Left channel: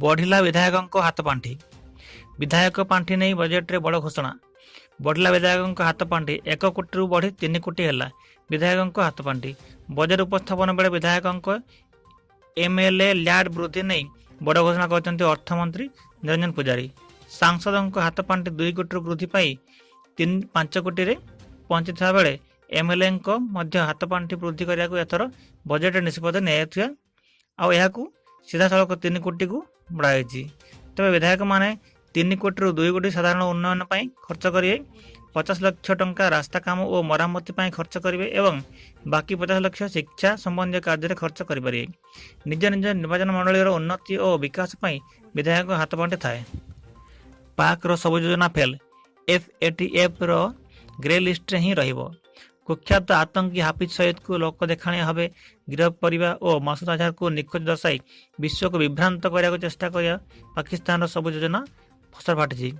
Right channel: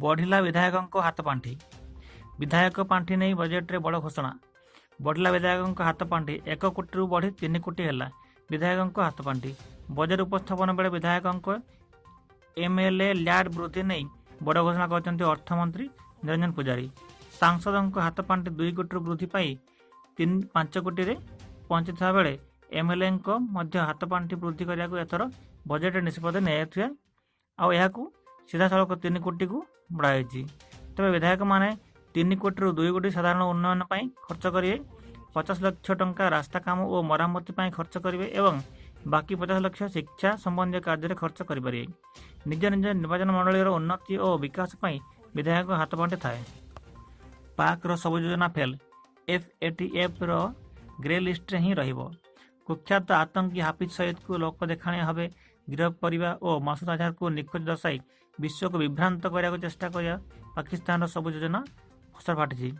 बढ़िला विधायक हाथ पांठि। विधायक पांठि नहीं बजेट रे बड़ घोषणा। बढ़िला विधायक हाथ पांठि 1 कोटी बढ़ी 3 कोटी है विधायक हाथ पांठि। बजेट उपस्थापन बेले विधायक एमएलए ल्याड वृद्धि नहीं बड़ घोषणा करते अर्थमंत्री निरंजन पुजारी। सांसद हाथ पांठि 2 कोटी वृद्धि पाई 5 कोटी रे पहुंची बेले एमएलए हाथ पांठि वृद्धि करने को एथर बजेट निष्पत्ति नहीं सीधा सड़क 3 कोटी को बढ़ाई। तेज विधायक माने 3 कोटी 2 कोटी साधारण उन्नयन खर्च करेंगे, 50 लाख टंका रास्ता काम और मरामती खर्च करेंगे एवं बाकी 50 लाख शिक्षा संबंधी कार्य खर्च करेंगे। निज निज निर्वाचन मंडल उन्नति और विकास विधायक हाथ पांठि थाए। पाक रो सब योजना फेल, एफएटीएफ रो ग्रे लिस्ट ही रहिबो। कुख्यात आतंकी हाफिज सईद को लोक देखाणिया भाव गिरफ करने और मसूद अजहर को निखोज दर्शाई विश्व को विभ्रांत करने चेष्टा कर पाकिस्तान सब योजना फसर फाटी।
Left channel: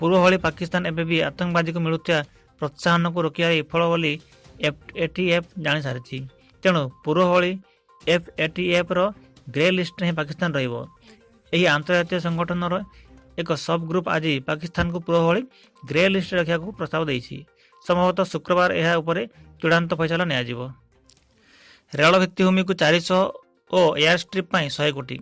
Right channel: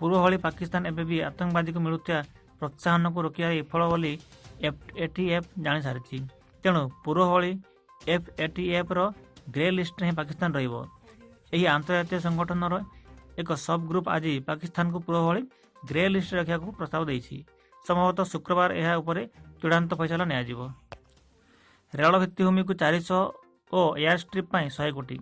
पूर्व भली पाकिस्तान एवं भी आतंकवादी को मिलुवा प्रोत्साहन को रोकवा विफल बोली एफएटीएफ जानी सारी। तेणु पूर्व भली एफएटीएफ रो ग्रे लिस्ट ही पाकिस्तान रहिबो। एही अंतर्राष्ट्रीय संगठन एक सब ग्रुप आज पाकिस्तान को पूर्व भली ग्रे लिस्ट रखा प्रस्ताव देछि। संभवतः शुक्रवार यह उपरे चूड़ांत फैसला नियाजिबो। रेल भित्तिभूमि को 400 और एयर स्ट्रिप 100 कोटी।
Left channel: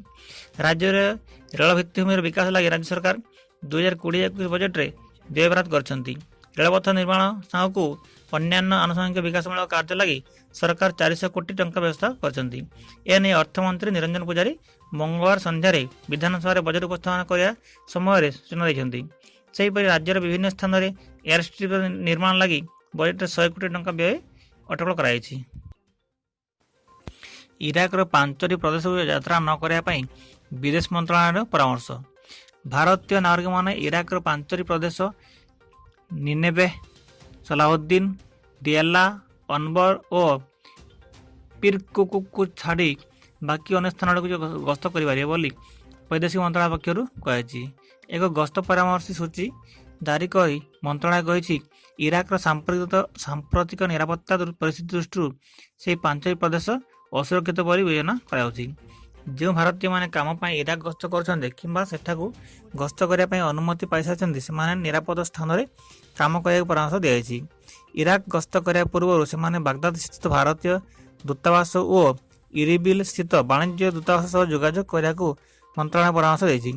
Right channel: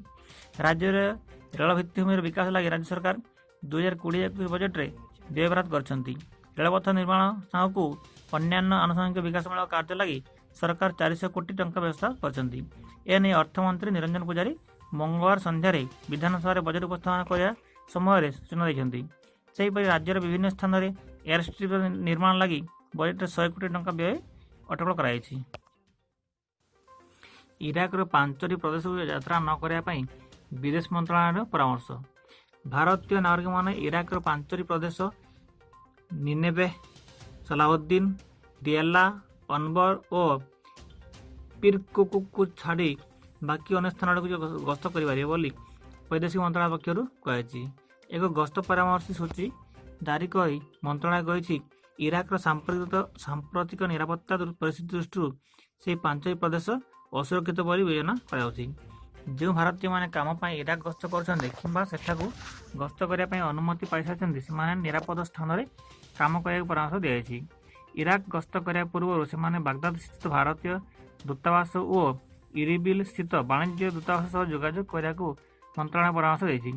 राज्य में रेल भित्तिभूमि विकास लगी राज्य सरकार 2020-21 बजेट रे व्यय बराद करछंती। रेलपथ निर्माण साहू अन्यान्य आनुषंगिक विकासमूलक कार्य लगी सरकार 400 कोटी टंका व्यवस्था करछंती। एने अर्थमंत्री निरंजन पुजारी मंगलवार संध्यारे विधानसभा बजेट उपस्थापन करने समय सूचना देछंती। सेहीपरि राज्यर विभिन्न स्थान में एयर स्ट्रिप निर्माण लगी बजेट 100 कोटी टंका व्यय अटकल कराई। इराक 5टी प्रदेश को यात्रा न करने विदेश मंत्रालय परामर्श। भारतीय नागरिक माने इराक 5टी प्रदेश निनेवे, सलाहुद्दीन, दियाला, अनबर और पिरकुक को छाड़ी बाकी अन्य स्थान गस्त करें बोली वैदेशिक मंत्रालय पक्षर कही। एक गस्त परामर्श सूची जारी कर मंत्रालय कही इराक सांप्रतिक निरापत्ता परिस्थिति दृष्टि से 5टी प्रदेश असुरक्षित बोली विवेचना कराउछि। जो भारतीय माने काम पाई इराक गस्त करछन्ते किंबा सेठाकू गस्त करने अनुमति पाई सारिछन्ते सेमाने निरापद स्थान रे काम करने परामर्श दियाछि। इराक गस्त करने पूर्व से बागदाद स्थित भारतीय दूतावास और इरिबिल स्थित वाणिज्य दूतावास सह जोगाजोग करने को मंत्रालय परामर्श देछि।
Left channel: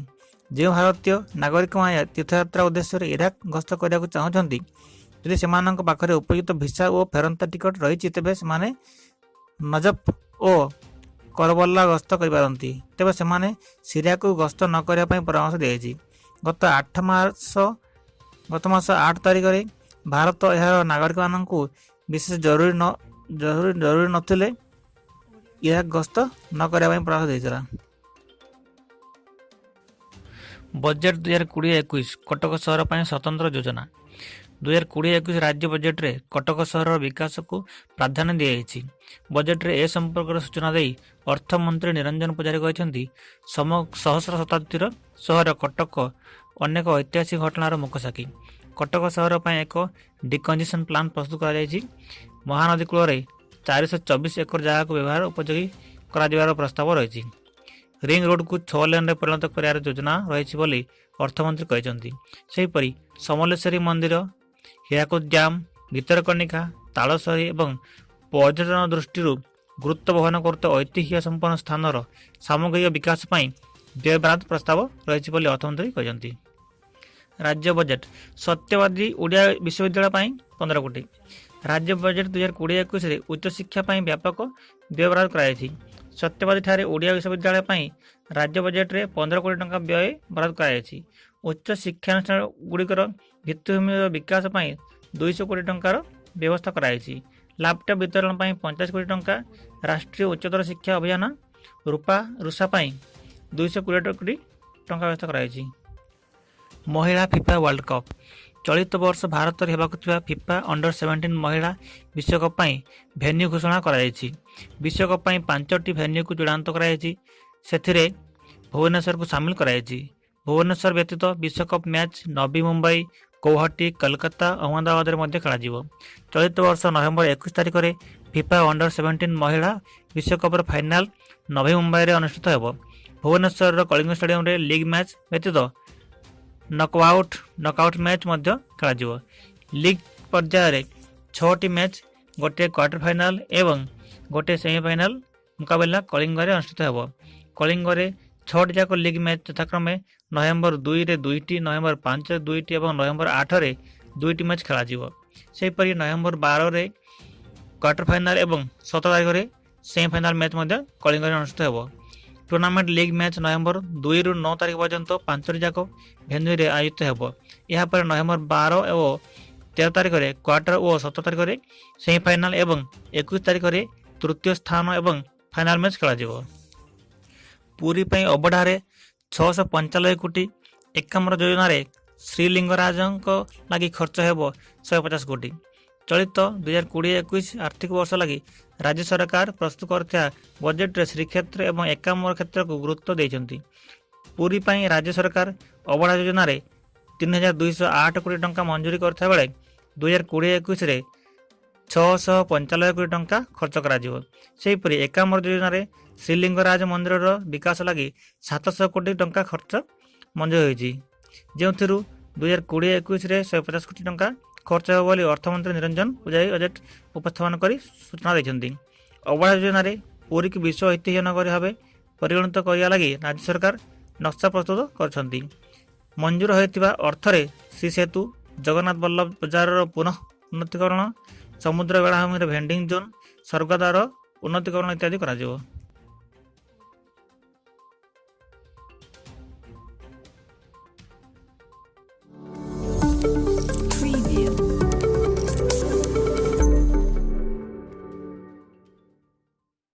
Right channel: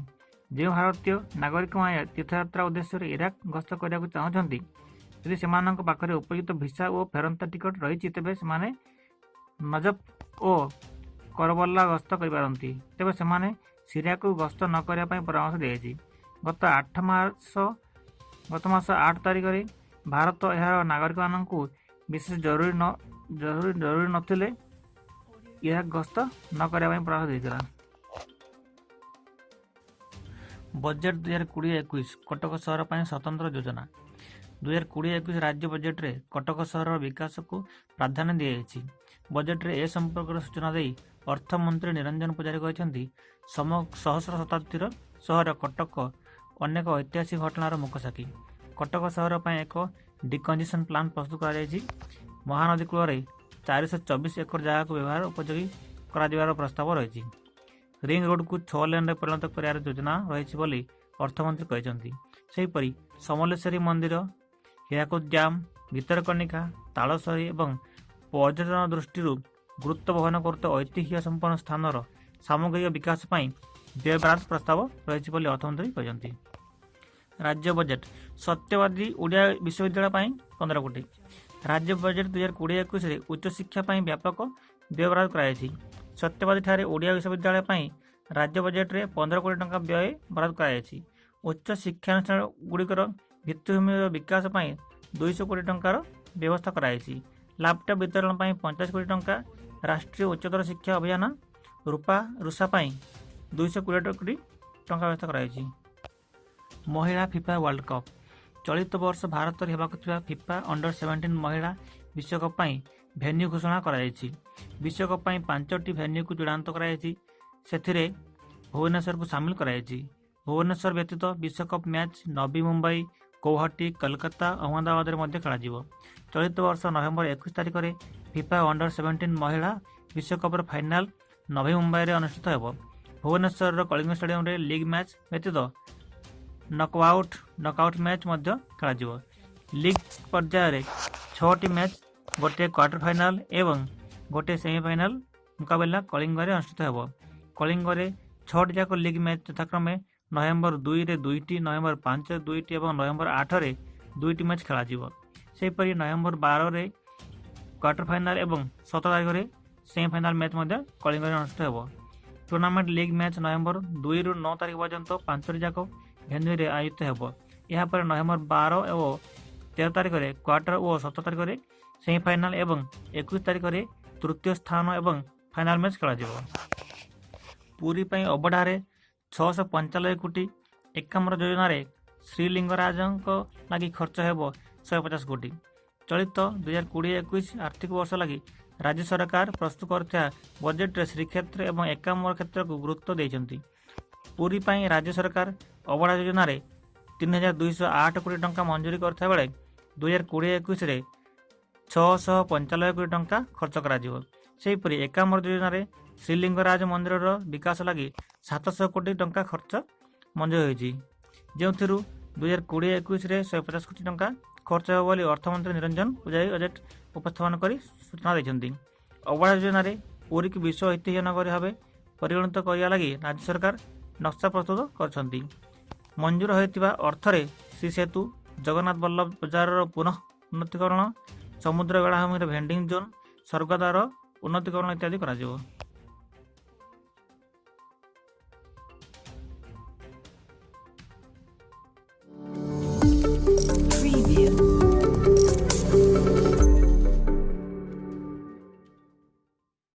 जो भारतीय नागरिक माने तीर्थयात्रा उद्देश्य इराक गस्त करने को चाहते यदि से पाखे उपयुक्त भिसा और फेरंता टिकट रही तेबे से नजफ और करबला गस्त करपारती। तेबे से सीरिया को गस्त न करने परामर्श दिया। गत मास 8 तारिख में भारत यार नागरिक मान विशेष जरूरी नथिले इराक गस्त न करने परामर्श देता। बजेट 2020-21 कटक सहर पर स्वतंत्र योजना। 2020-21 राज्य बजेट रे कटक सहर विकास को प्राधान्य दिया। बजेट रे ए संपर्क सूचना दे अर्थमंत्री निरंजन पुजारी कहते सहस्र शताब्दीर सहर कटक अनेक ऐतिहासिक घटनार मुख्य साक्षी। कटक सहर पर एक डिकंजेशन प्लान प्रस्तुत कर महानदी कूल 424 एकर जगह को व्यवहार उपयोगी कर प्रस्ताव रही। रिंग रोड को 6 लेन में परिणत कर योजना रही अर्थमंत्री कहते। सेहीपरि समलेश्वरी मंदिर, हीराकुद डैम, भितरकनिका, तालसरी और पर्यटन दृष्टि गुरुत्व वहन करते ऐतिह्य संपन्न स्थान सामग्रिक विकास व्यय बराद प्रस्ताव रही अर्थमंत्री कहते। राज्य बजेट सत्यवादी ओडिया विश्वविद्यालय 15 कोटी। राज्य बजेट 2020-21 उच्च शिक्षा व्यापक व्यय बराद कराई। सत्यवादी ठारे ओडिया विश्वविद्यालय राज्य बजेट रे 15 कोटी टंका व्यय बराद कराई। उच्च शिक्षानुष्ठान गुड़िकर भित्तिभूमि विकास 200 कोटी टंकार व्यवस्था कराई। लैपटॉप वितरण 50 कोटी टंका, राष्ट्रीय उच्चतर शिक्षा अभियान रुषा 220 कोटी टंका व्यवस्था कराई। महिला फिफा वर्ल्ड कप चलित वर्ष भारत में होगा फिफा अंडर-17 महिला विश्वकप भेन्यू घोषणा कराई। विश्वकप 5टी भेन्यू को चूड़ांत कराई। से भुवनेश्वर को सामिल कराई। भुवनेश्वर व्यतीत विश्वकप मैच नवी मुंबई, गौहाटी, कोलकाता, अहमदाबाद में खेल। चलित वर्ष नवेम्बर 21 तारिख में फिफा अंडर-17 महिला विश्वकप फाइनाल नवी मुंबई में अनुष्ठित हो। ଭୁବନେଶ୍ୱରର କଳିଙ୍ଗ ଷ୍ଟାଡିୟମରେ ଲିଗ୍ ମ୍ୟାଚ୍ ବ୍ୟତୀତ ନକଆଉଟ୍ ମ୍ୟାଚ୍ ମଧ୍ୟ ଖେଳାଯିବ। ଲିଗ୍ ପର୍ଯ୍ୟାୟରେ 6ଟି ମ୍ୟାଚ୍, ଗୋଟିଏ କ୍ୱାର୍ଟର ଫାଇନାଲ ଏବଂ ଗୋଟିଏ ସେମିଫାଇନାଲ ମୁକାବିଲା କଳିଙ୍ଗରେ ଅନୁଷ୍ଠିତ ହେବ। କଳିଙ୍ଗରେ 6ଟି ଯାକ ଲିଗ୍ ମ୍ୟାଚ୍ ଯଥାକ୍ରମେ ନଭେମ୍ବର 2ରେ 2ଟି, ନଭେମ୍ବର 5ରେ 2ଟି ଏବଂ ନଭେମ୍ବର 8ରେ 2ଟି ମ୍ୟାଚ୍ ଖେଳାଯିବ। ସେହିପରି ନଭେମ୍ବର 12ରେ କ୍ୱାର୍ଟର ଫାଇନାଲ ଏବଂ 17 ତାରିଖରେ ସେମିଫାଇନାଲ ମ୍ୟାଚ୍ ମଧ୍ୟ କଳିଙ୍ଗରେ ଅନୁଷ୍ଠିତ ହେବ। ଟୁର୍ଣ୍ଣାମେଣ୍ଟ ଲିଗ୍ ମ୍ୟାଚ୍ ନଭେମ୍ବର 2ରୁ 9 ତାରିଖ ପର୍ଯ୍ୟନ୍ତ 5ଟି ଯାକ ଭେନ୍ୟୁରେ ଆୟୋଜିତ ହେବ। ଏହାପରେ ନଭେମ୍ବର 12 ଓ 13 ତାରିଖରେ କ୍ୱାର୍ଟର ଓ 17 ତାରିଖରେ ସେମିଫାଇନାଲ ଏବଂ 21 ତାରିଖରେ ତୃତୀୟ ସ୍ଥାନ ଏବଂ ଫାଇନାଲ ମ୍ୟାଚ୍ ଖେଳାଯିବ। ପୁରୀ ପାଇଁ ଅବଢାରେ 695 କୋଟି, ଏକାମ୍ର ଯୋଜନାରେ ଶ୍ରୀଲିଙ୍ଗରାଜଙ୍କ ଲାଗି ଖର୍ଚ୍ଚ ହେବ 150 କୋଟି। ଚଳିତ 2020-21 ଆର୍ଥିକ ବର୍ଷ ଲାଗି ରାଜ୍ୟ ସରକାର ପ୍ରସ୍ତୁତ କରିଥିବା ବଜେଟରେ ଶ୍ରୀକ୍ଷେତ୍ର ଏବଂ ଏକାମ୍ର କ୍ଷେତ୍ରକୁ ଗୁରୁତ୍ୱ ଦେଇଛନ୍ତି। ପୁରୀ ପାଇଁ ରାଜ୍ୟ ସରକାର ଅବଢା ଯୋଜନାରେ 3,208 କୋଟି ଟଙ୍କା ମଞ୍ଜୁରୀ କରିଥିବା ବେଳେ 2020-21ରେ 695 କୋଟି ଟଙ୍କା ଖର୍ଚ୍ଚ କରାଯିବ। ସେହିପରି ଏକାମ୍ର ଯୋଜନାରେ ଶ୍ରୀଲିଙ୍ଗରାଜ ମନ୍ଦିରର ବିକାଶ ଲାଗି 700 କୋଟି ଟଙ୍କା ଖର୍ଚ୍ଚ ମଞ୍ଜୁର ହୋଇଛି, ଯେଉଁଥିରୁ 2020-21ରେ 150 କୋଟି ଟଙ୍କା ଖର୍ଚ୍ଚ ହେବ ବୋଲି ଅର୍ଥମନ୍ତ୍ରୀ ନିରଞ୍ଜନ ପୂଜାରୀ ବଜେଟ୍ ଉପସ୍ଥାପନ କରି ସୂଚନା ଦେଇଛନ୍ତି। ଅବଢା ଯୋଜନାରେ ପୁରୀକୁ ବିଶ୍ୱ ଐତିହ୍ୟ ନଗରୀ ଭାବେ ପରିଗଣିତ କରିବା ଲାଗି ରାଜ୍ୟ ସରକାର ନକ୍ସା ପ୍ରସ୍ତୁତ କରିଛନ୍ତି। ମଞ୍ଜୁର ହୋଇଥିବା ଅର୍ଥରେ ଶ୍ରୀସେତୁ, ଜଗନ୍ନାଥ ବଲ୍ଲଭ ବଜାରର ପୁନଃ ଉନ୍ନତିକରଣ, ସମୁଦ୍ର ବେଳାଭୂମିର ଭେଣ୍ଡିଂ ଜୋନ୍, ସ୍ୱର୍ଗଦ୍ୱାର ଉନ୍ନତିକରଣ ଇତ୍ୟାଦି କରାଯିବ।